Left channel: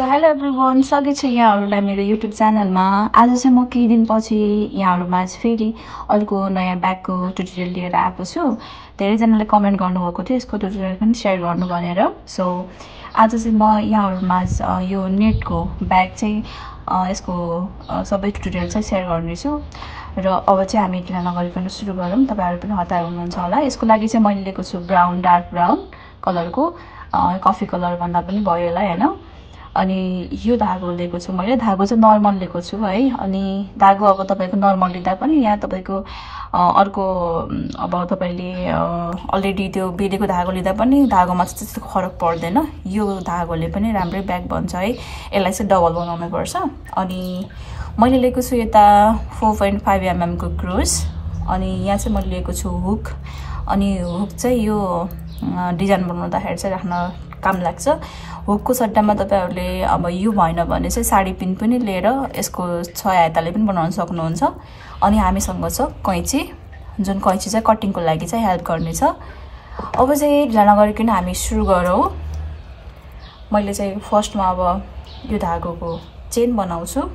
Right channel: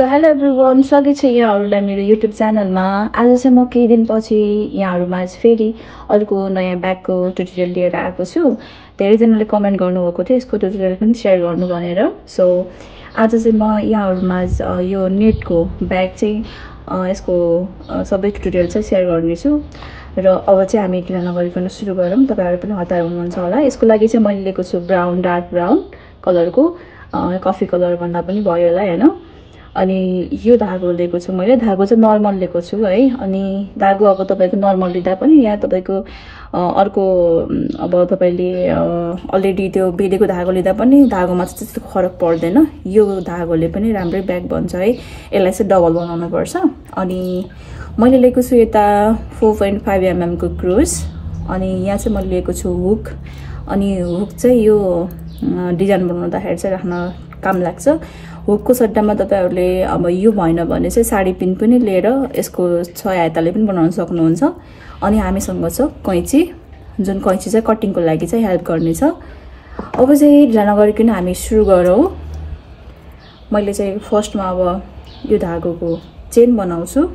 So hello everyone, स्वागत छ यहाँहरूलाई मेरो युट्युब च्यानलमा। आज चाहिँ म केही दिनपछि यहाँहरूमा फेरि अर्को नयाँ ब्यागको ट्युटोरियल लिएर आएको छु। धेरैजनाले कमेन्ट गर्नुभएको थियो यसको ट्युटोरियल पनि सेयर गर्नु भनेर। सो आज चाहिँ म यहाँहरूमा यो नेटको ब्याग चाहिँ यसको सबै ट्युटोरियल चाहिँ सेयर गर्नेछु। र अब चाहिँ हामी किन नगरिकन सुरु गरौँ। तपाईँहरू पनि हतार हुनुहुन्छ होला। यसको लागि चाहिँ मैले लिएको छु ब्राउन, डार्क ब्राउन कलरको, कफी कलर भन्दा पनि भयो होला हैन। अनि यो धागो लिएको छु मैले। धागो चाहिँ नर्मल लिएको छु है। अनि धागो अब तपाईँको नर्मल लिँदा पनि या तपाईँको अर्को अब तपाईँले अलरेडी त्यो बेलेको धागो लिँदा पनि धागोमा चाहिँ त्यस्तो फरक पर्दैन। यो धागोले पनि राम्रै ब्याग बन्छ है। यसलाई चाहिँ डबल बनाउनु पर्छ। अनि मैले लिएको छु यता 4.5 mm को क्रोस। अनि यहाँ चाहिँ मैले लिएको छु हुक। अनि हुक चाहिँ यो डिजाइन बनाउँदाखेरि चाहिँ राख्न काम लाग्छ। हुकको सट्टामा तपाईहरुले अब यो भएन भने चाहिँ साडी पिन पनि लिएर यसको 6 आयताले पनि बनाउन सक्नुहुन्छ। अनि हामीसँग छ कैंची, जुन कैंची चाहिँ कटिङको लागि चाहिँ हेल्प गर्नेछ। अब चाहिँ ढिला नगरिकन हामी सुरु गरौँ। मैले चाहिँ फर्स्टमा अब यो धागोको चेन बनाउँछु।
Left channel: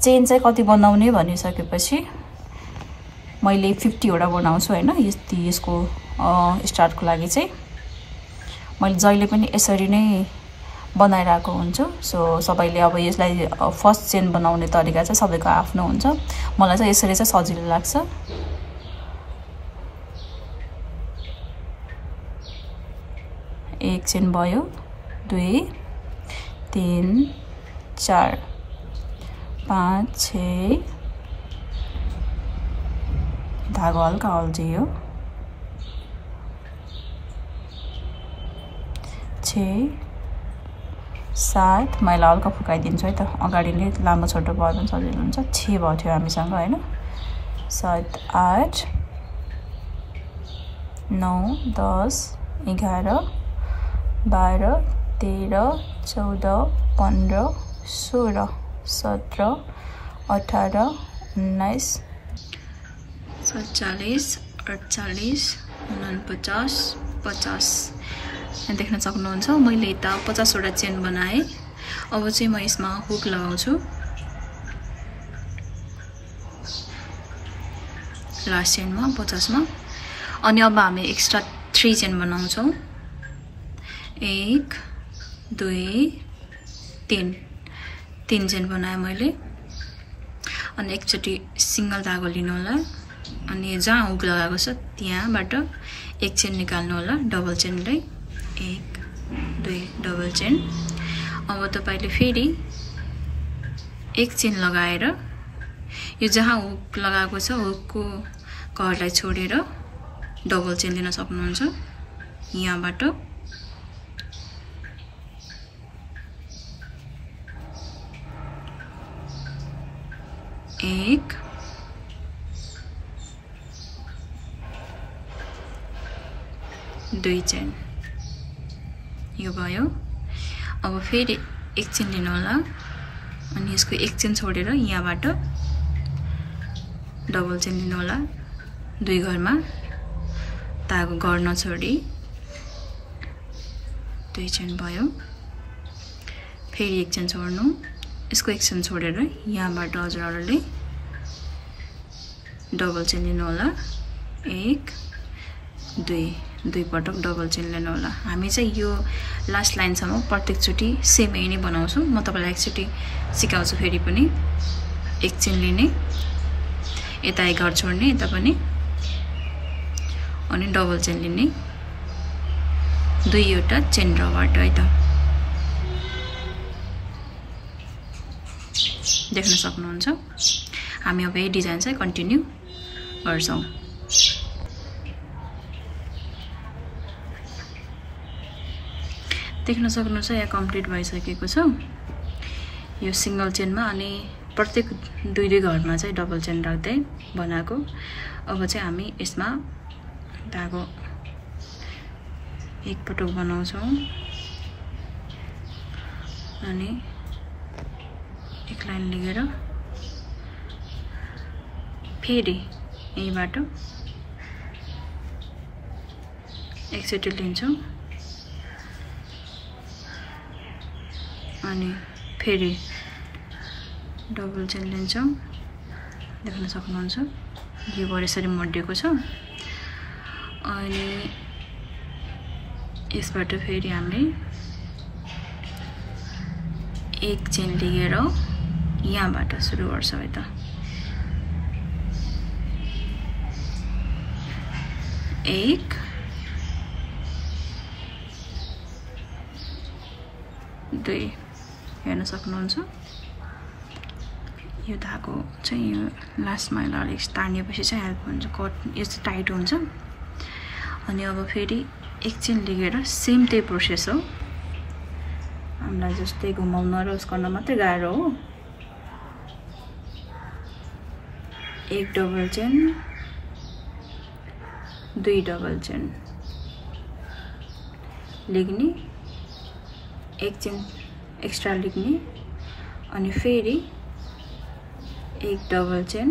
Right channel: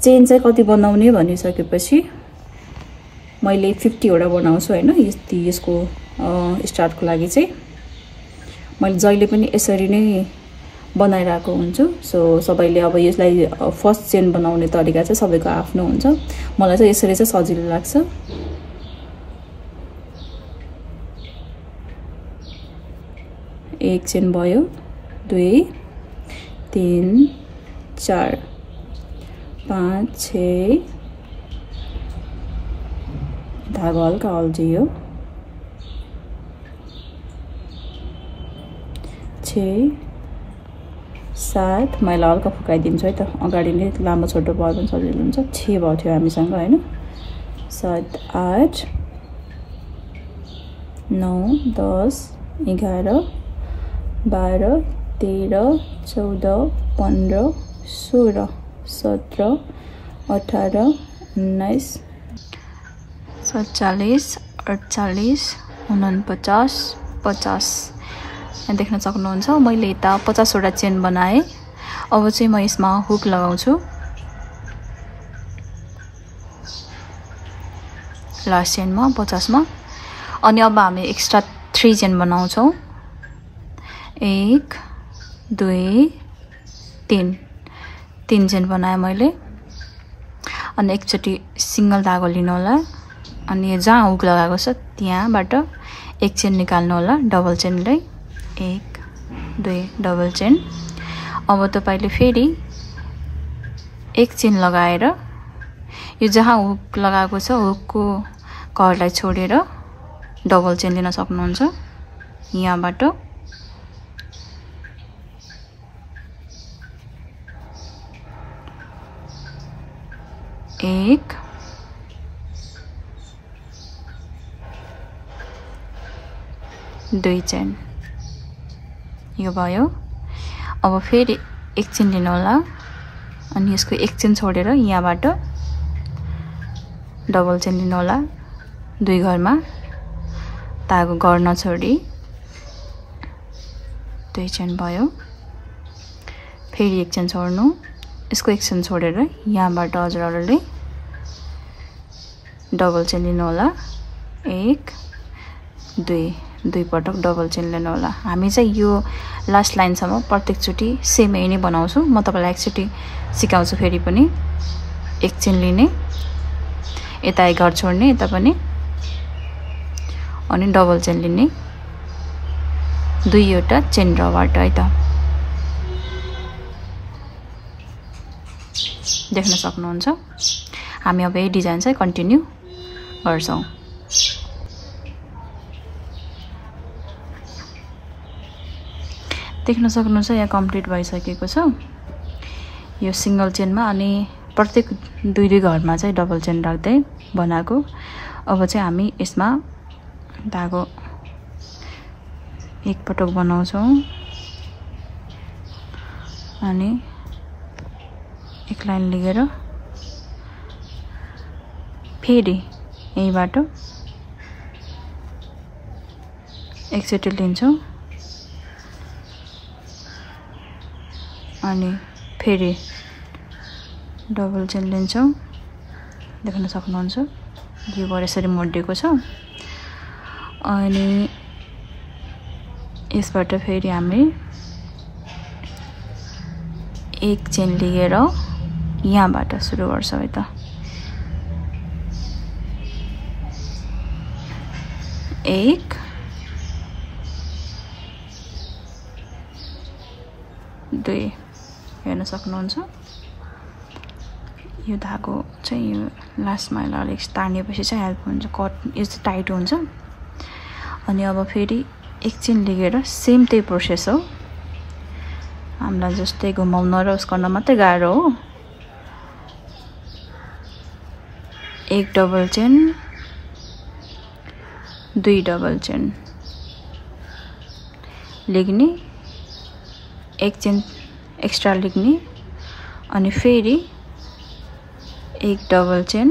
चेन चाहिँ कति बनाउने भनिसकेपछि मैले 50 वटा बनाउँछु हैन। यसको स्टार्टको लागि चाहिँ मैले जहिले पनि यसरी नै बनाइरहेको हुन्छु। सो सबैले अब यसलाई फर्स्ट चेन बनाउने तरिका चाहिँ सबैको आफ्नो हुन्छ। मलाई चाहिँ यसरी चाहिँ सजिलो लाग्छ। एक चेन भयो, 2 3 4 5 6 धागो हल्का अल्झियो, 6 7 मैले हल्का फुकाइदिन्छु है त। अगाडि नै लामो छोटो भयो भने सजिलो हुन्छ। 6 भयो थियो हामीसँग हैन। 7 8 9 10 11 12 13 14 15 16 17 18 19 47 48 49 50 देख्न सक्नुहुन्छ। मैले यता 50 वटा चेन बनाए। अब चाहिँ म यसमा हुक लगाउँछु लास्ट चेनमा 50 मा। अनि अब हामी एक्स्ट्रा 3 चेन बनाउँछौं। 1 2 3 चेन बनाए मैले। अनि एकचोटी सिंगल धागो लिनु होला। अनि जहाँ हुक लगाएको छ त्यहाँबाट एक चेन निकाल्नु होला डबल चेनले। 1 2 double chain. अब तपाईले फेरि एक चेन लगाएर यो जहाँ हुक लगाएको छ हुकको कभरलाई छोडेर डबल चेन लिन सक्नुहुन्छ। यहाँबाट 1 2 चेन यो भयो। अब फेरि एक चेन लिनु होला। अनि यसको एक चेन छोडेर यहाँबाट डबल चेन लिनु होला। 2 घरमा धागो गर्न छोडी 2 चेन भयो। फेरि एक चेन छोड्नु। यसको एक चेन छोडेर यहाँबाट हजुरहरुले डबल चेन लिनु होला। 1 2 पटक डबल चेन लिनु होला। हामी चाहिँ यो लास्ट लाइन सम्म प्रत्येक चोटी सेम यही नै बनाउँछु। म तपाईलाई एकचोटी सिकाउँछु फेरि पनि। एक चेन लिने, यता एक घर छोड्ने, यता पनि, अनि डबल चेन लिने। 2 वटा चेन रबाट है त देख्न सक्नुहुन्छ। हामी अब यो डिजाइन चाहिँ कन्टिन्यू गर्छौं। देख्न सक्नुहुन्छ यहाँ कम्प्लिट भइसकेको छ यो सिंगल चेनमा। अनि प्रत्येक 2 घरमा चाहिँ डबल चेन राख्दै बनाएको। अब चाहिँ हामी यसमा धागो एक पटक बनाउँछौं। अनि एक लाइन लिएर फेरि यहीबाट एकचोटि लिन्छौं। अनि फेरि डबल चेन लिन्छौँ। देख्न सक्नुहुन्छ यो गर यसरी मोडिएको छ। अनि यसबाट फेरि हामी एक चेन लिएर यहाँबाट सुरु गर्छौँ। यता एक दुई हेर्न सक्नुहुन्छ। यो धागो चाहिँ यो लास्टमा अलिक तानेपछि चाहिँ हेल्प हुन्छ, कट यो चाहिँ टाइट हुन्छ। अनि अब फेरि एक चेन लिएर सेम त्यही प्रोसेस हो। हामीलाई जस्तै घुमाउन र उस गर्न मात्रै गाह्रो हो। एक डबल चेन, दुई डबल चेन लेख्ने, एक चेन एक्स्ट्रा लेख्ने, अनि फेरि एक डबल चेन,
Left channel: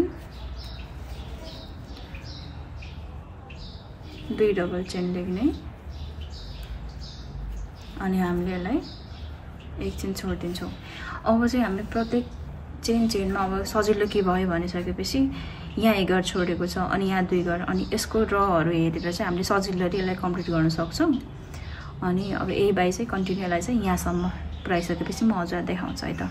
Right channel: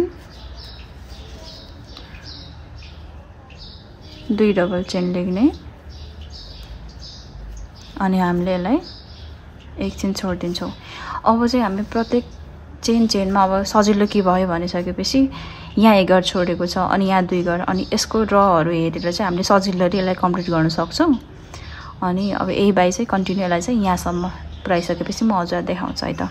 दुई डबल चेन लेख्ने, अनि हामीले यसलाई एक चेन छोडिदिन्छौँ। अब चाहिँ हामी प्रत्येक चेनमा अब सजिलो के भयो भनिसकेपछि यहाँ एक घर छोडेको छ अनि यहाँ दुई घर, अनि यसको रहरू हेरेर चाहिँ हामीले सजिलो यसलाई कम्प्लिट गर्न सक्छौँ। अनि अब यही बाई चाहिँ कन्टिन्यू यसलाई चाहिँ यहाँसम्म पुऱ्याइसकेपछि म हजुर देखाउँछु है त।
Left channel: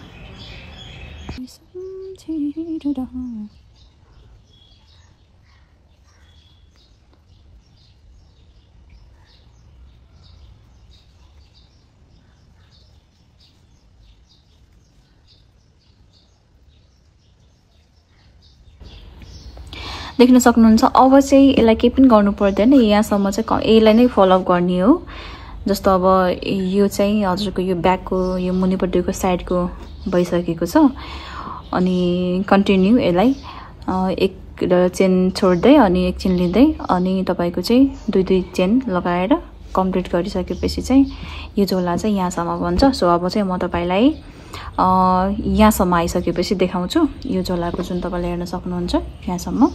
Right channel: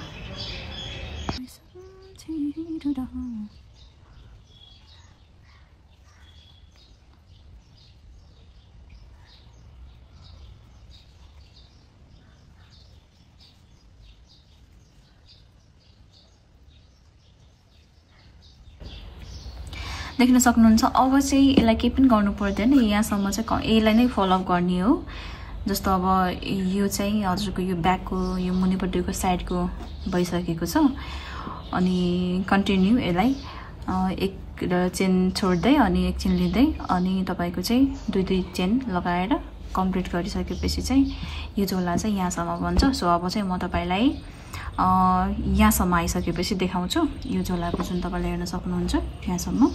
देख्न सक्नुहुन्छ। अब चाहिँ यसलाई केही पनि गर्नु पर्दैन, यहाँसम्म चाहिँ यसलाई नै फलोअप गर्ने हो। जस्तो अब यो चाहिँ हजुरको यो ब्याकको यो मुनिपट्टिको साइडको भइसकेको छ। अनि कन्टिन्यू यसलाई एक चेन छोड्दै अनि एक चेन लिँदै अनि तपाईँको चाहिँ दुई दुई चेन लगाएर कम्प्लिट गरिसकेपछि चाहिँ यो झोला चाहिँ यहाँसम्म बन्छ। सो अब चाहिँ म तपाईँलाई यहाँसम्म आइसकेपछि देखाउँछु। यो झोलाको जुन तपाईँले हेर्न सक्नुहुन्छ यहाँसम्म,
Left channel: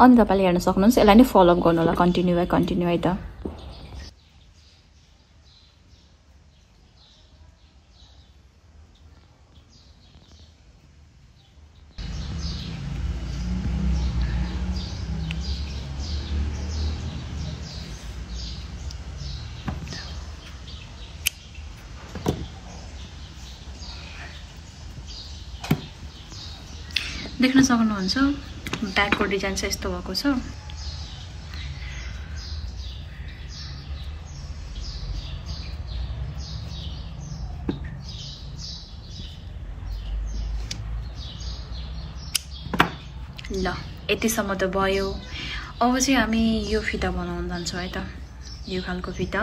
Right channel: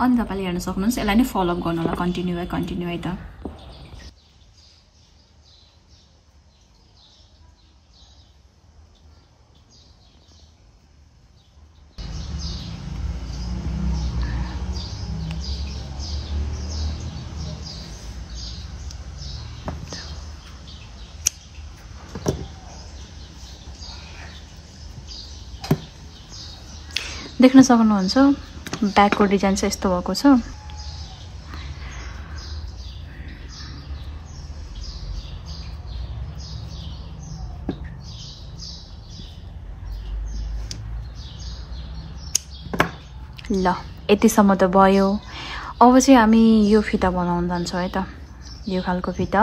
अनि तपाईँले हेर्न सक्नुहुन्छ। यसलाई नै फलोअप गर्नु होला कन्टिन्यू है त। देख्न सक्नुहुन्छ ब्याकको डिजाइन चाहिँ यस्तो भएको छ। ल यतिसम्म त भयो। अब चाहिँ हामी यो फिता बनाउन जान्छौँ है त, यो खालको फिता।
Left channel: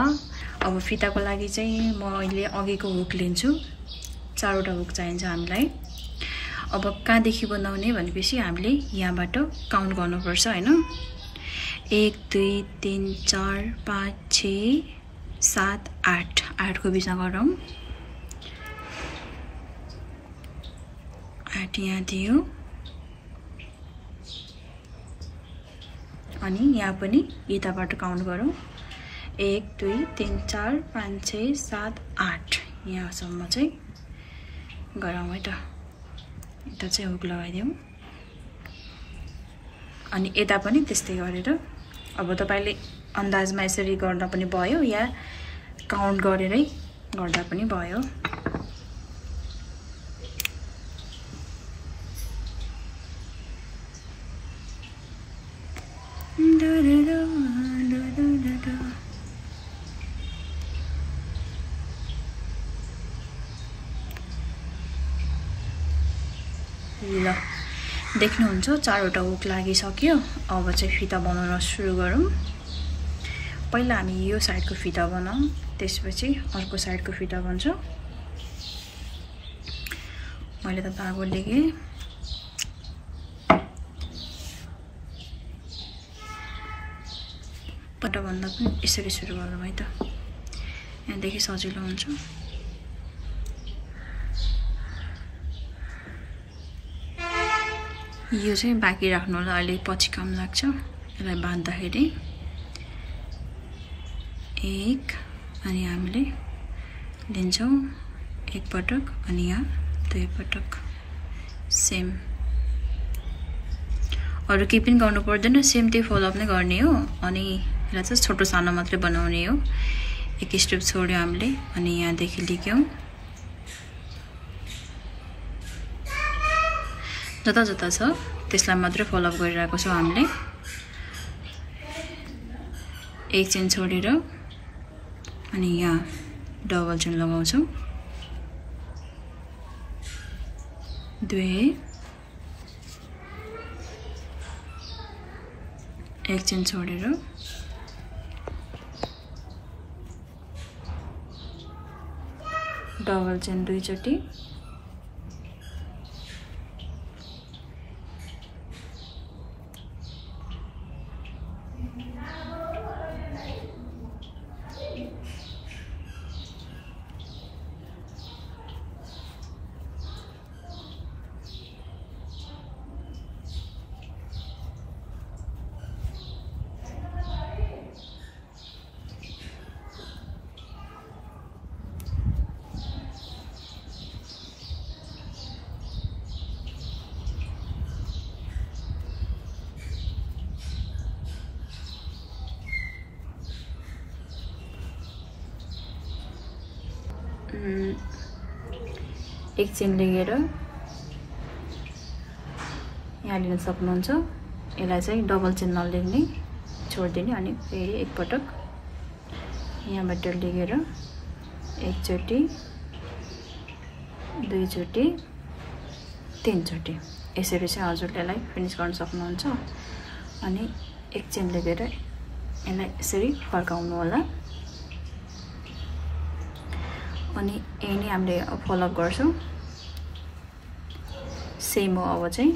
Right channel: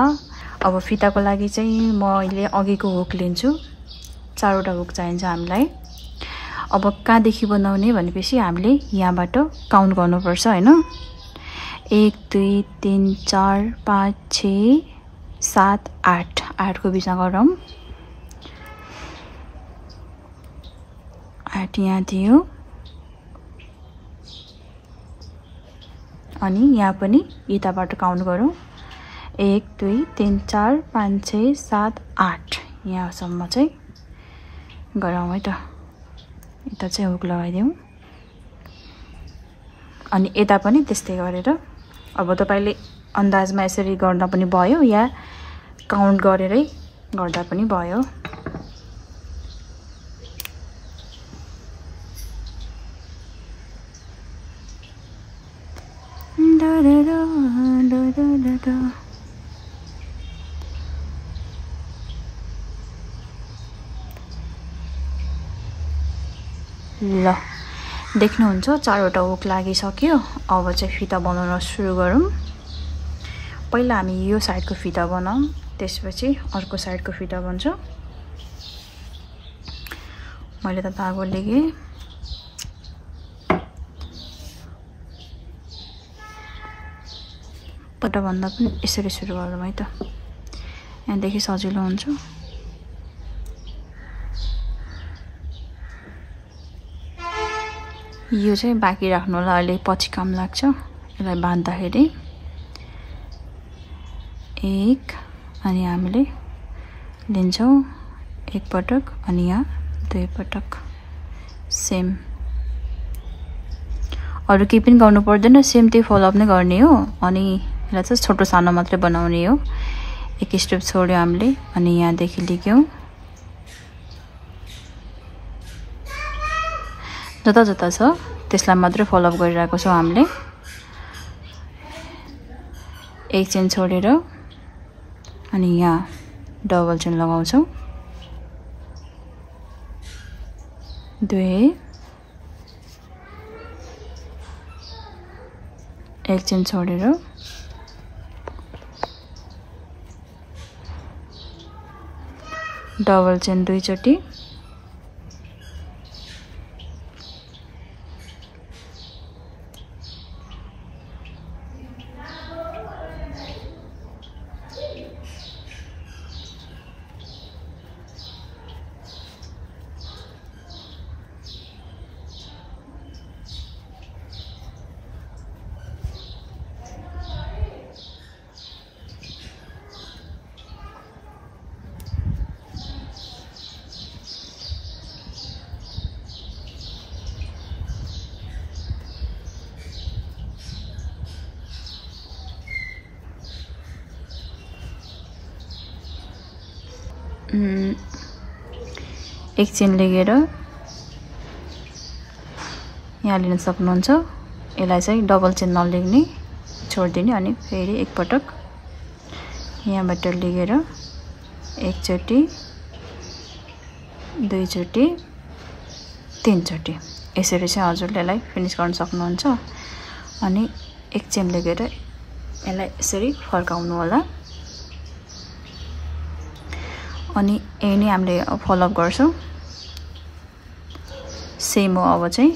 अब फिताको लागि चाहिँ म अहिले अघिको हुक लिन्छु। 4वटा हुक चाहिन्छ हामीलाई। अब कहाँदेखि बनाउने भनेपछि हामीले यहाँबाट काउन्ट गर्नुपर्छ हैन। 1 2 3 4 5 6 7 8 8को बिचमा गरौँ। 8 यहाँ थियो अनि यहाँ पनि यताबाट काउन्ट गरौँ। 1 2 3 4 5 6 7 8 यहाँसम्म चाहिँ गरौँ है त। यता चाहिँ हुक लगाइदिउँ अनि यता पनि त्यस्तै गरेर। अब तपाईले अन्दाजमा यसरी गर्दा पनि भयो या काउन्ट गरेरै गर्दा पनि भयो। ल देख्नुहुन्छ 4वटा हुक लागिसक्यो। अब चाहिँ फिता बनाउन सुरु गरौँ। पहिला हामी यो साइडको फिता बनाऊँ, त्यसपछि अर्को साइडको फिता बन्छ। मैले त धागो लिएँ। पट्टा भन्दा पनि यसरी सुरु गरौँ है त, यहाँदेखि सजिलो हुन्छ। यो चाहिँ बाँकी राख्नु होला, अहिले पछि काम लाग्छ। यसलाई बाँध्दाखेरि 1 अनि हामीले लिन्छौँ एक पटक अनि यहाँ 2 पटक सेम अरु केही पनि गर्नु पर्दैन सेम त्यही फलो अप नै गर्ने हो अनि यसलाई चाहिँ छोटो सानो मात्रै बनाउने हो एक स्टेप छोड्यो हामीले अनि यहाँ देखि लिक्यौ जता जता छ त्यसलाई मात्रै फलो अप गरिरहेको छौं हामीले एक चेन छोडेर अनि यहाँ डबल चेन लगाउँछौं 2 एक चेन छोडेर डबल चेन 2 चोटी एक चेन लिएर यहाँ लिन सक्नुहुन्छ यसलाई चाहिँ डबल चेन नलिने छोड्दिने अनि फेरि एक पटक यहाँबाट लिएर एक चोटी 2 चोटी 3 चोटी यसरी चाहिँ हजुरले यसलाई फिनिश गर्न सक्नुहुन्छ अनि एक चेन लिएर यसलाई यसरी फर्काउनु होला अनि यही नै हामीले फलो अप गर्छौं सेम हो अब चाहिँ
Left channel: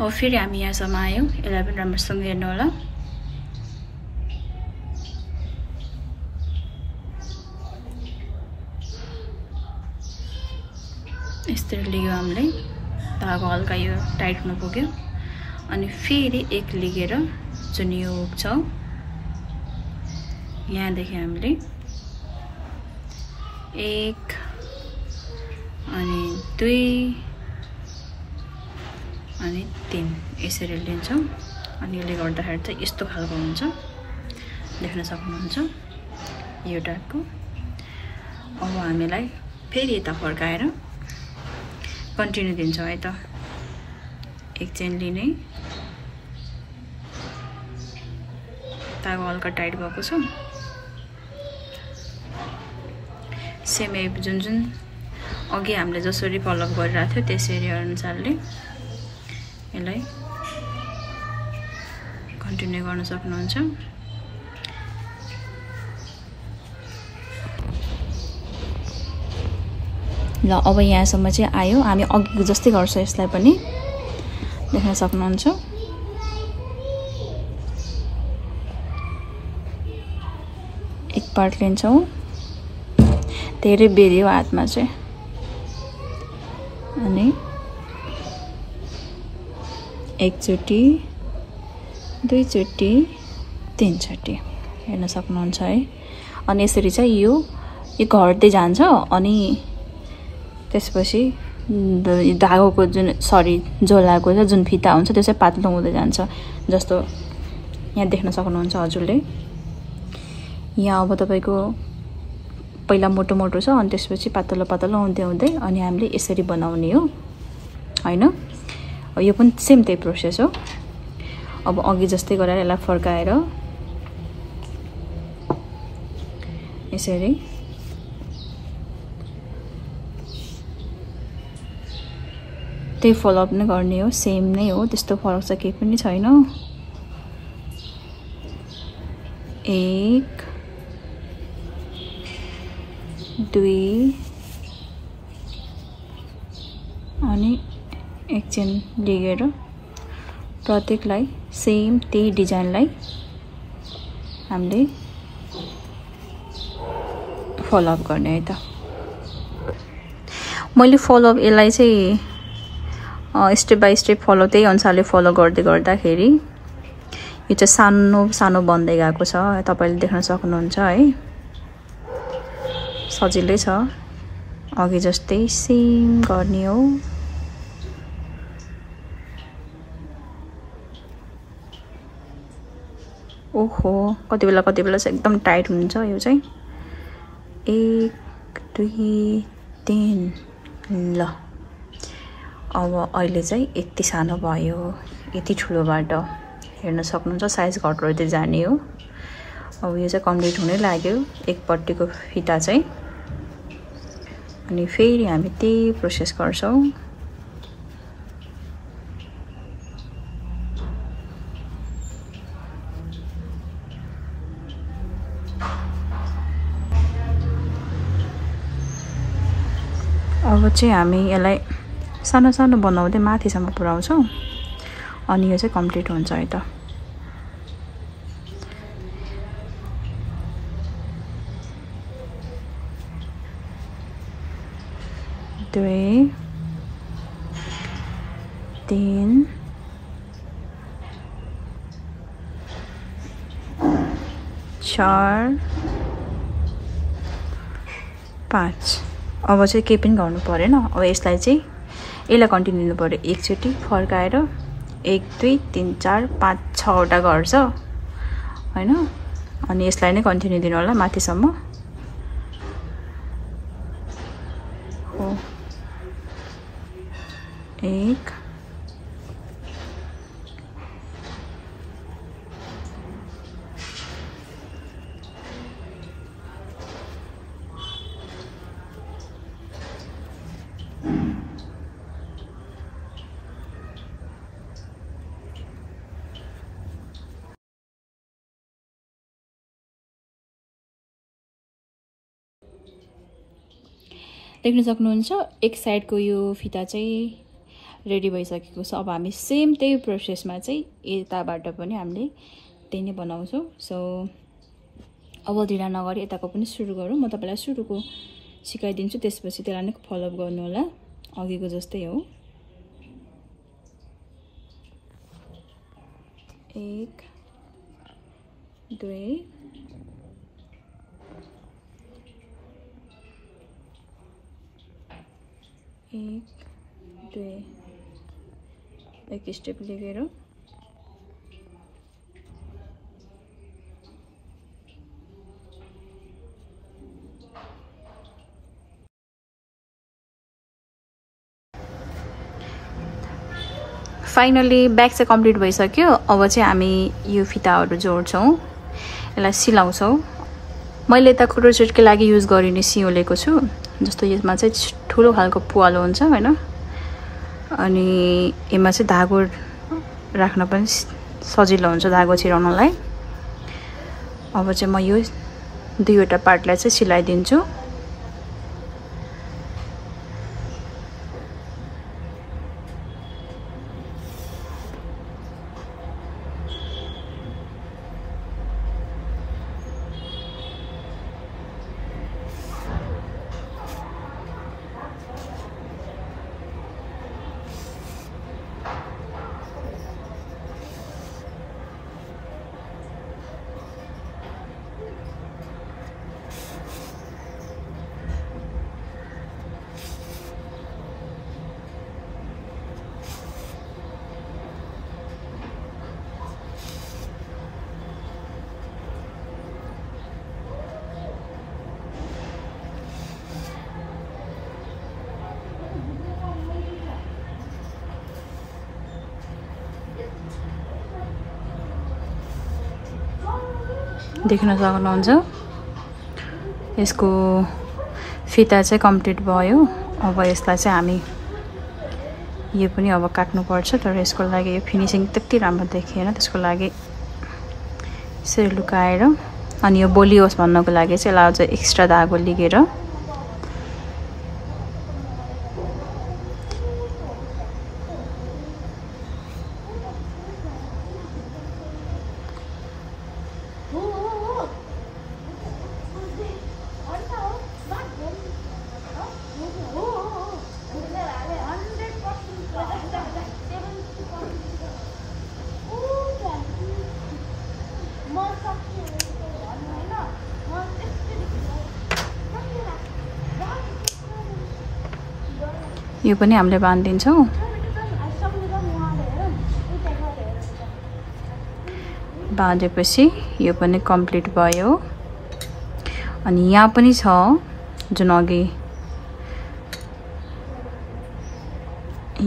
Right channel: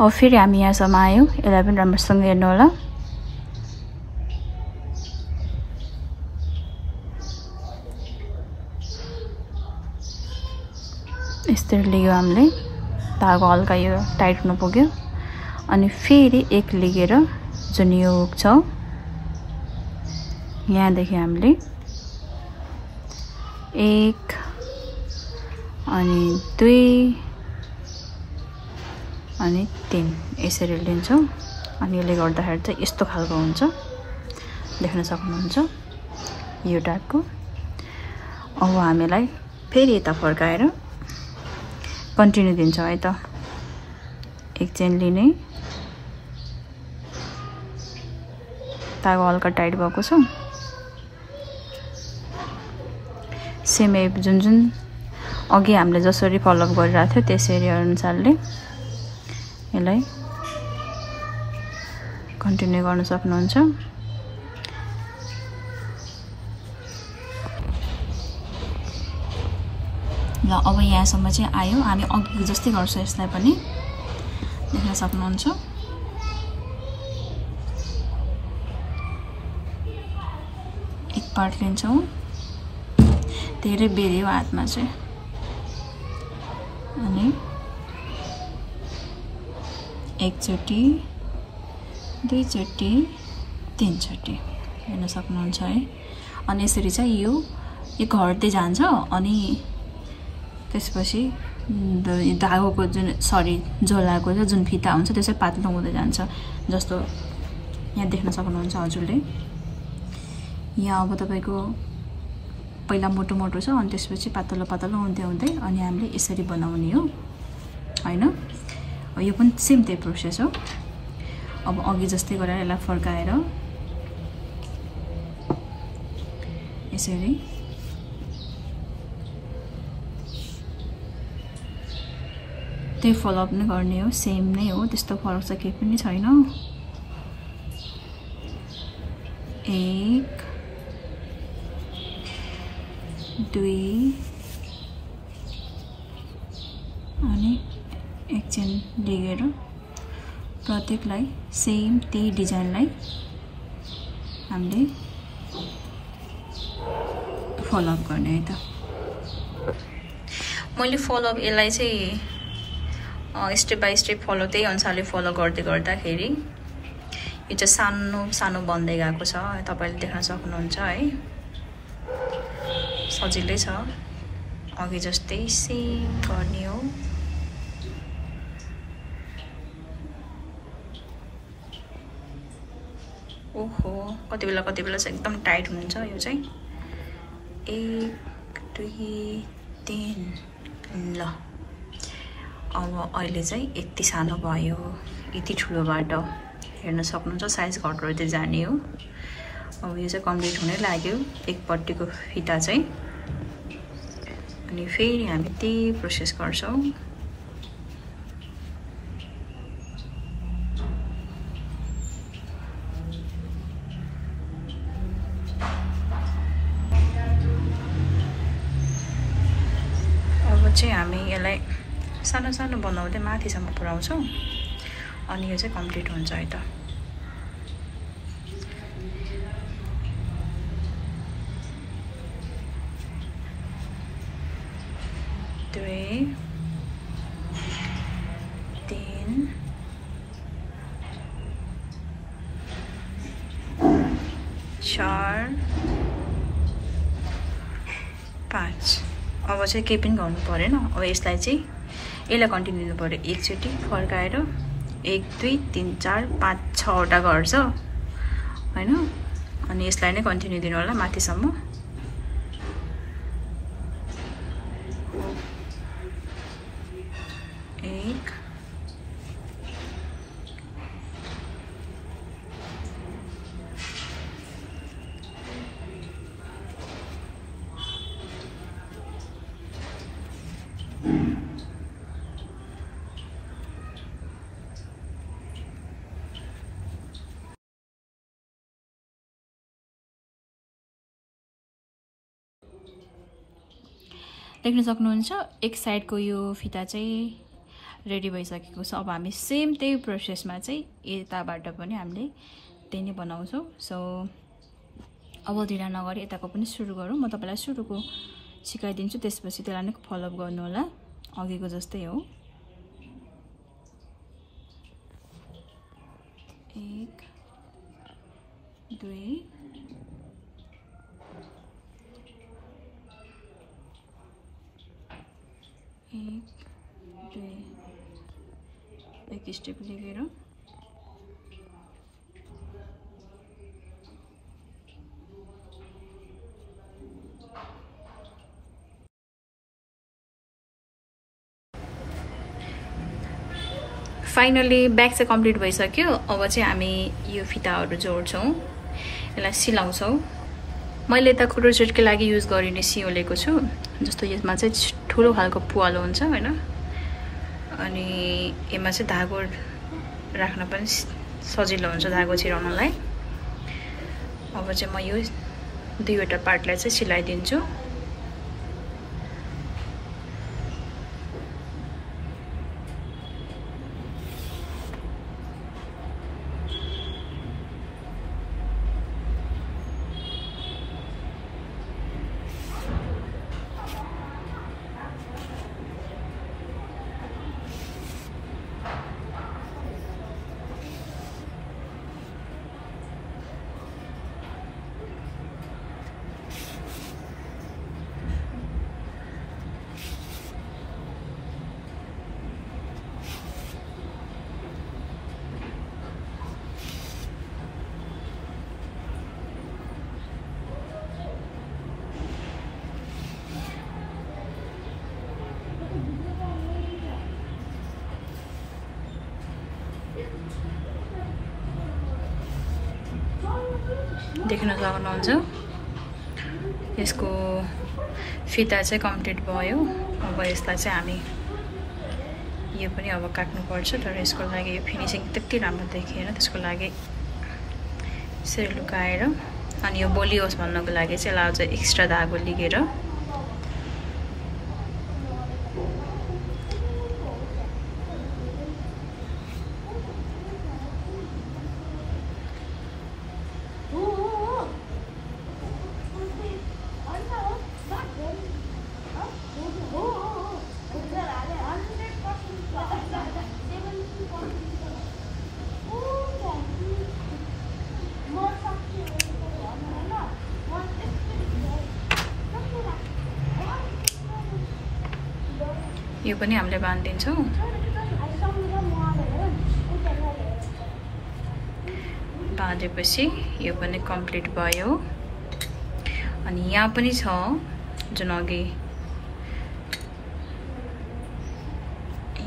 अब फेरि हामी यहाँसम्म आयौं यसलाई पनि राम्रोसँग हेर्नु होला यसरी लियो हामीले धागो हल्का यो टाइट हुन पुग्यो अनि फेरि एक लिएर जुन यो हुक छ यहाँ देखि हामीले 1 अनि 2 अनि 3 यसरी लिन्छौं अनि यसले गर्दाखेरि चाहिँ यस्तो खालको हुन्छ देख्न सक्नुहुन्छ यो टाइपको अब हामीलाई फेरि यता फर्काएर कन्टिन्यु दिन्छौं है त एक चेन लिने धागो हल्का टाइट भएको छ सेम जुन अघि हामीले जसरी फलो अप गरिरहेको थियो त्यसरी अनुसारले यसलाई कन्टिन्यु गर्न सक्नुहुन्छ ल अब यहाँसम्म चाहिँ आयो हामी अघि जस्तै गर्छौं यसलाई पनि देख्न सक्नुहुन्छ एक पार्ट लिन्छौं धेरै बेरियो हातमा चाहिँ अनि एक चोटी 2 चोटी 3 चोटी हेर्न सक्नुहुन्छ है अनि यसरी चाहिँ यो यो घट्दै जान्छ अनि त्यसपछि धागोको जुन झोलाको जुन फिता हुन्छ त्यो चाहिँ पातलो हुँदै जान्छ जस्तो यहाँ देख्न सक्नुहुन्छ हजुरले। यहाँ अब तपाईको पहिला मोटो मोटो छ अनि त्यसपछि पातलो पातलो हुँदै हुँदै अनि हामीले यसरी बनाउने हो हैन। यो पनि सेम त्यही प्रोसेस हो। अब अघि जस्तै गरेर यसलाई फर्काएर यसरी त्यही फलोअप नै गर्ने हो। सेम नै हो, त्यस्तो फरक चाहिँ केही पनि छैन। 1 2 अनि एक चेन लिएर प्रत्येकलाई सेम त्यही डिजाइनलाई हामीले फलोअप गर्ने है त। मैले फलोअप यसलाई चाहिँ स्टेप बाइ स्टेप फलो त्यही अनुसारले फलो गर्दै गर्दाखेरि यो चाहिँ सानो सानो बन्दै गएको छ, तपाईले देख्न सक्नुहुन्छ है। सजिलै छ, अघि जस्तै सेम गर्ने हो। ओहो कति बेला चाहिँ एकदम टाइट हुन्छ यो चाहिँ। 1 2 3 ल अब अहिले चाहिँ यति सानो भयो, यति ठुलोबाट हेर्न सक्नुहुन्छ साइज घट्दै जाने हो। अब यो चाहिँ कम्प्लिट हुनै लाग्यो एकपट्टिको फिता चाहिँ। अनि फेरि हामी त्यही प्रोसेस गर्छौं। अब चाहिँ हामी यसलाई सानो सानो बनाउँदै माथिसम्म पुर्याउँछौं अनि यो चाहिँ कम्प्लिट हुन्छ है त। दुई 3 4 5 अब चाहिँ केही पनि गर्नु परेन। अब यसलाई चाहिँ यसलाई कन्टिन्यू गर्नु पर्यो। एकचोटी फर्काएर 1 2 3 4 5 6 वटा गर्छ हैन। अनि यसलाई नै कन्टिन्यू दिनु होला माथिसम्म। हो 1 देख्न सक्नुहुन्छ एक साइडको यो फिता चाहिँ रेडी भइसकेको छ। अब हामी सेम त्यही प्रोसेसमा चाहिँ यताबाट पनि हामीले त्यही नै बनाउँछौं। सो अब ढिला नगरी यताको पनि सुरु गरौँ। म तपाईलाई सुरुको सिकाइदिन्छु, त्यसपछि त्यसलाई नै फलो अप गर्नु होला अघिको जस्तै हो। 1 2 1 2 एक स्टेप लिएर फाइनली ब्याक चाहिँ कम्प्लिट भइसक्यो। अब चाहिँ हामी यो फिताहरु जोड्छौं, यसलाई सिलाउँछौं। मैले त फोटोशुटको लागि युज गरिने सियो लिएको छु। जस्तो यसमा चाहिँ ठुलो खालको पुवालो हुन्छ हैन, अनि यसमा चाहिँ धागो राख्न पनि सजिलो हुन्छ धागो छिराउनलाई। अब चाहिँ म यो दुईवटा पार्टलाई चाहिँ सिलाइदिन्छु। देख्न सक्नुहुन्छ यसको फिता चाहिँ कम्प्लिट भयो। अब यसलाई चाहिँ हामी यो पनि अब काट्नु पर्छ, तर यसको लागि यो फिनिसिङ त्यति राम्रो देखिएन, त्यसको लागि यसरी लुकाएर अनि यो बोलियोस् भन्नको लागि चाहिँ यसलाई अझ एक्स्ट्रा धागो लिएर यो पनि हामीले बाँधिदिन्छौँ। बाँधेपछि यो पनि कम्प्लिट भयो। अनि यहाँ पनि छ जुन अघि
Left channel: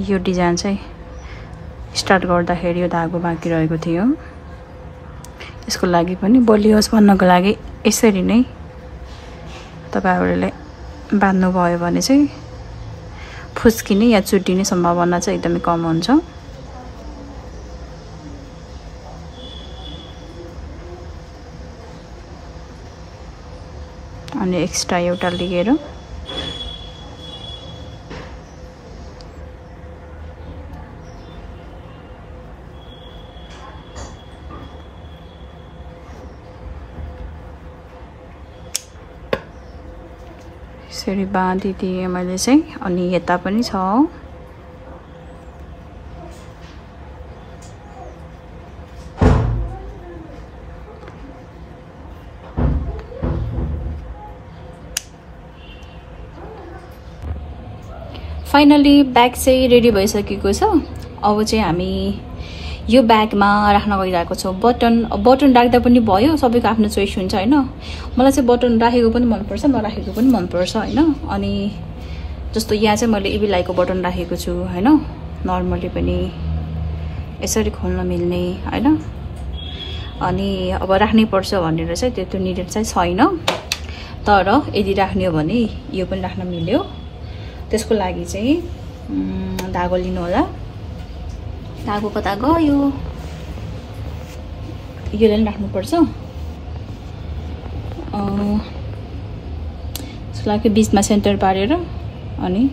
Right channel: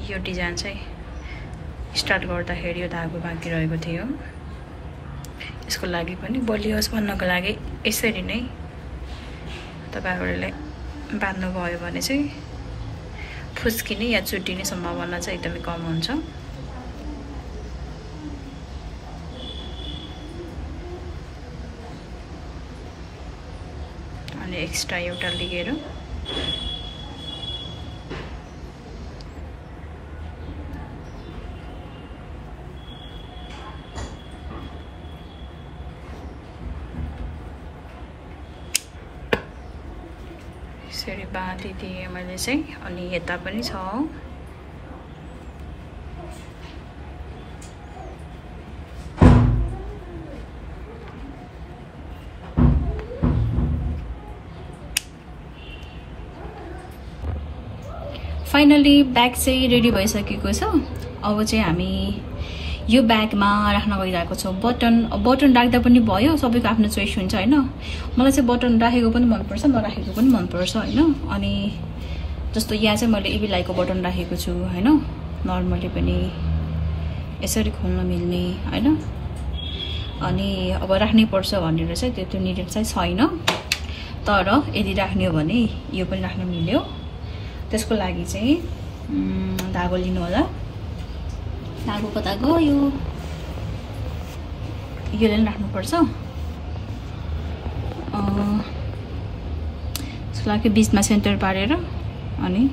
यो डिजाइन चाहिँ स्टार्ट गर्दाखेरि यो धागो बाँकी रहेको थियो, यसको लागि पनि बलियोस् भन्नको लागि यसरी नै तपाईहरुले बाँध्नु भयो भने चाहिँ फुस्किने या चुट्टिने सम्भावना चाहिँ एकदमै कम हुन्छ। अनि एक्स्ट्रा एउटा लिएर यसरी बाँधिदिएँ मैले चाहिँ। अनि यता पनि छ, फाइनली ब्याग चाहिँ रेडी भइसकेको छ। अब चाहिँ हामी यो ब्यागमा राख्न गइरहेको छौँ बटन। बटन राख्दा पनि भयो, सबैको आफ्नो चोइस हुन्छ हैन। मलाई चाहिँ बटन राखेको पनि मनपर्छ, नराखेको पनि मनपर्छ हैन। अनि जस्तो यहाँ चाहिँ मैले इबिलाइको बटन राखेको छु हैन, नर्मली पनि यसरी खोल्न मिल्ने हैन। अनि अब राख्नै पर्छ भनेर चाहिँ त्यो निडेड चाहिँ छैन, तर यदि राख्ने हो भने यो पनि राख्न मिल्यो। त्यसको लागि चाहिँ धागो लिनु होला। धागो कता गयो, योले पनि राख्नुपर्छ। त्यसको लागि बीचमा सेन्टर पारेर अनि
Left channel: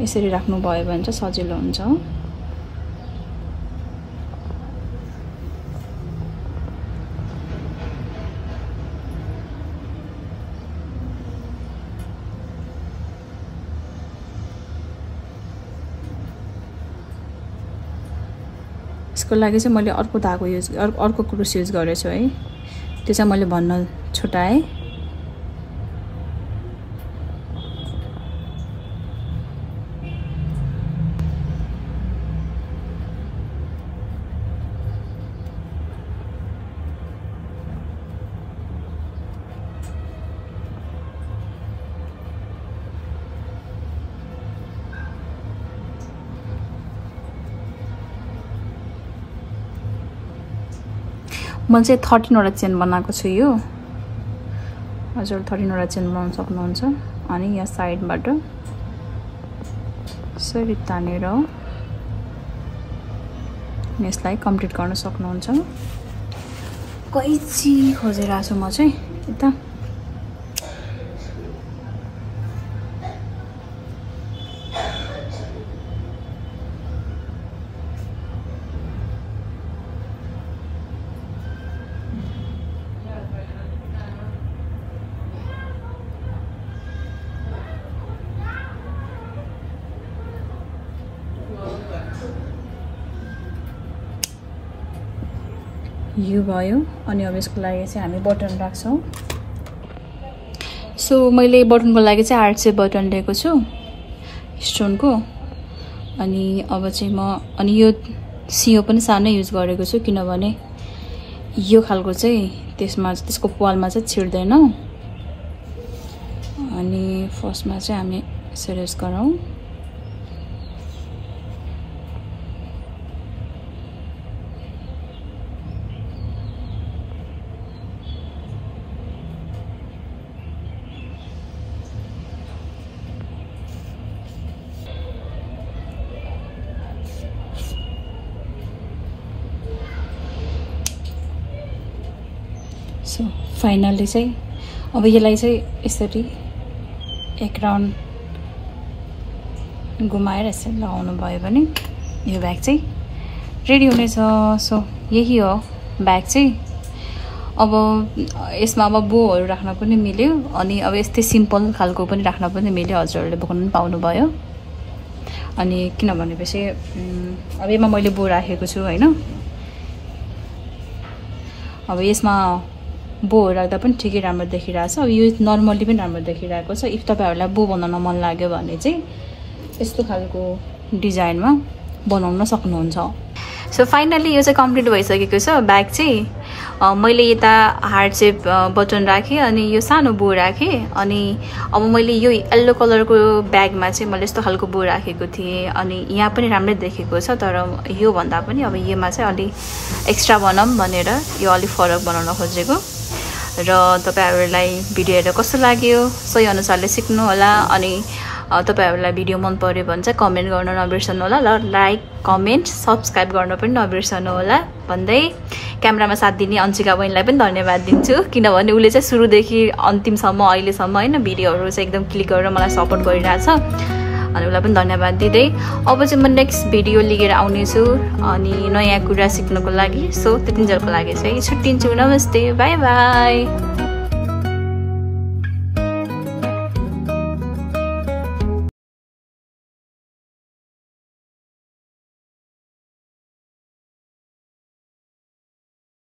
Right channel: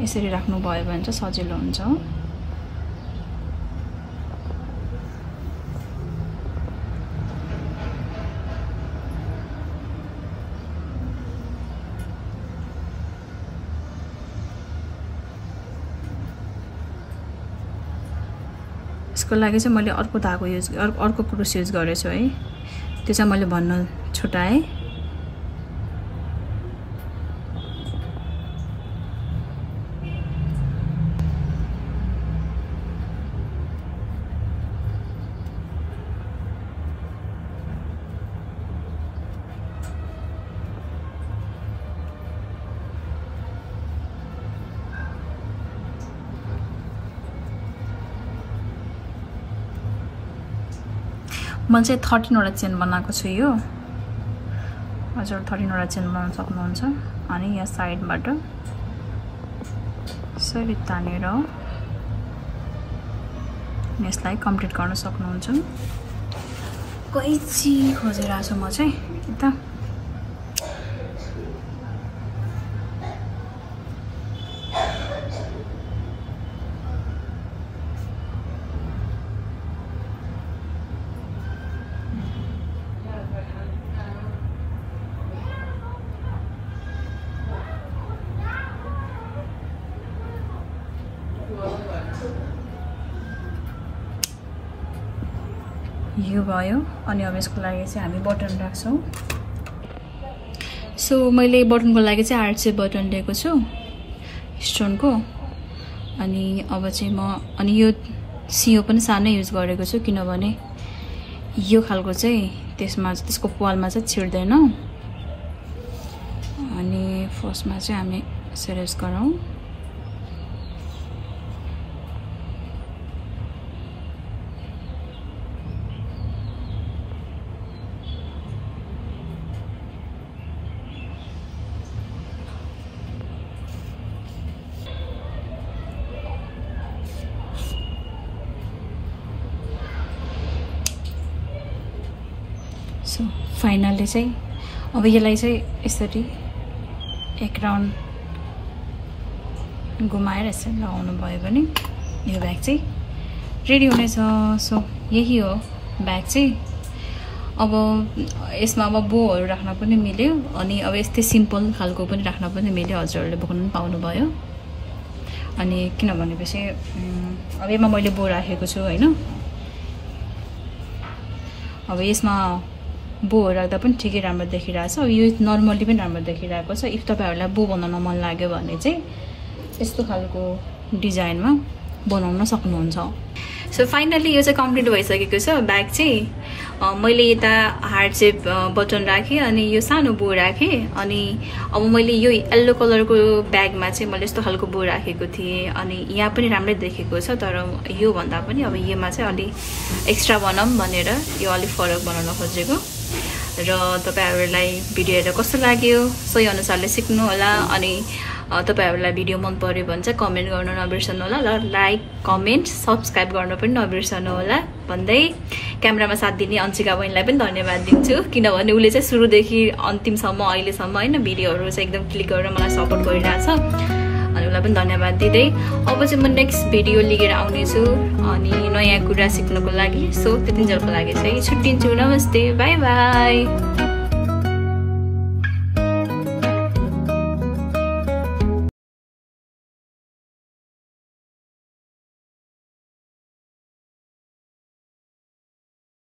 यसरी राख्नु भयो भने चाहिँ सजिलो हुन्छ। यसको लागि चाहिँ मैले अर्को धागो अर्को क्रुस युज गरेछु है, त्यो चाहिँ मैले भन्न छुटाएँ। मैले चाहिँ 13 वटा चेन बनाएको छु यो। हजुर 13 वटा चेन बनाउन सक्नुहुन्छ। अनि यहाँ साइडबाट यसरी तानेर यसलाई कम्प्लिट गर्न सक्नुहुन्छ। कैची खोजेर आएको छु म चाहिँ यता। यो भयो। अनि अब यसको लागि चाहिँ हामी बटन राख्छौँ। सो मैले बटनको लागि चाहिँ 8 चाहिँ बटन लिएको छु स्टोनको। अनि अब चाहिँ अनि यो सियो पनि सानै युज गरेको छु, किनभने यो खालको चाहिँ त्यसको पालमा चाहिँ छिर्दैन। अनि फर्स्टमा चाहिँ हामी सिरियस गरौँ। सो फाइनली चाहिँ अब यसलाई चाहिँ यसरी एक राउन्ड घुमाएर यसरी लगाउनु भयो भने यो ब्याग चाहिँ रेडी हुनेछ। सो यही हो ब्याग चाहिँ। अब यसमा अब बोहरू राख्न पनि मिल्यो अनि अब यस्तै सिम्पल खालको पनि राख्न पनि मिल्यो, हजुरहरूले बोक्नु पनि पाउनुभयो। अनि किनभनेपछि अब यसमा मैले बो राखेको छु होइन, अब यसमा बोहरू राख्दा पनि ठिकै राम्रो देखिरहेछ। अब यो नर्मली पनि राम्रो देखिरहेको छ। इफ तपाईँहरूलाई बो बनाउन मन लाग्यो भने चाहिँ यस्तो खालको डिजाइनमा बनाउन सक्नुहुन्छ। सो फाइनली यो चाहिँ कम्प्लिट भइसकेको छ ब्याग चाहिँ। मैले यता हार्ट सेप बटन राखेँ अनि यो सानो बो राखेँ। अनि अब मैले यो येल्लो कलरको ब्यागमा चाहिँ मैले यस्तो खालको बो राखेको थिएँ अनि यहाँ पनि राम्रै देखेको छ, तर यो भन्दा पनि अब योमा चाहिँ अलि एक्स्ट्रा बनाऊँ भनेर यो अलिक फरक बनाउन खोजेको। र तपाईँहरूलाई भिडियो हेरेर कस्तो लाग्यो सही अनुसारले सिक्नु होला। अनि तपाईहरुलाई भिडियो मन पर्यो भने चाहिँ कमेन्ट गर्न नबिर्सनु होला, र लाइक कमेन्ट सब्स्क्राइब गर्न पनि नबिर्सनु होला भन्दै क्यामेरामा साथ दिने अन्शिका बहिनीलाई पनि धन्यवाद दिन्छु, किनभने उले चाहिँ सुरुदेखि अन्तिमसम्म अहिलेसम्म हैन भिडियोहरु चाहिँ एकदम क्लिक गरेर मलाई सपोर्ट गरिरहेछ। अनि उलाई पनि धन्यवाद दिँदै अब चाहिँ म नेक्स्ट भिडियो लिएर आउने छु अनि नयाँ कुरा सिक्नको लागि। सो त्यतिन्जेलको लागि चाहिँ छुट्टिन्छु। नमस्ते, बाइ बाइ।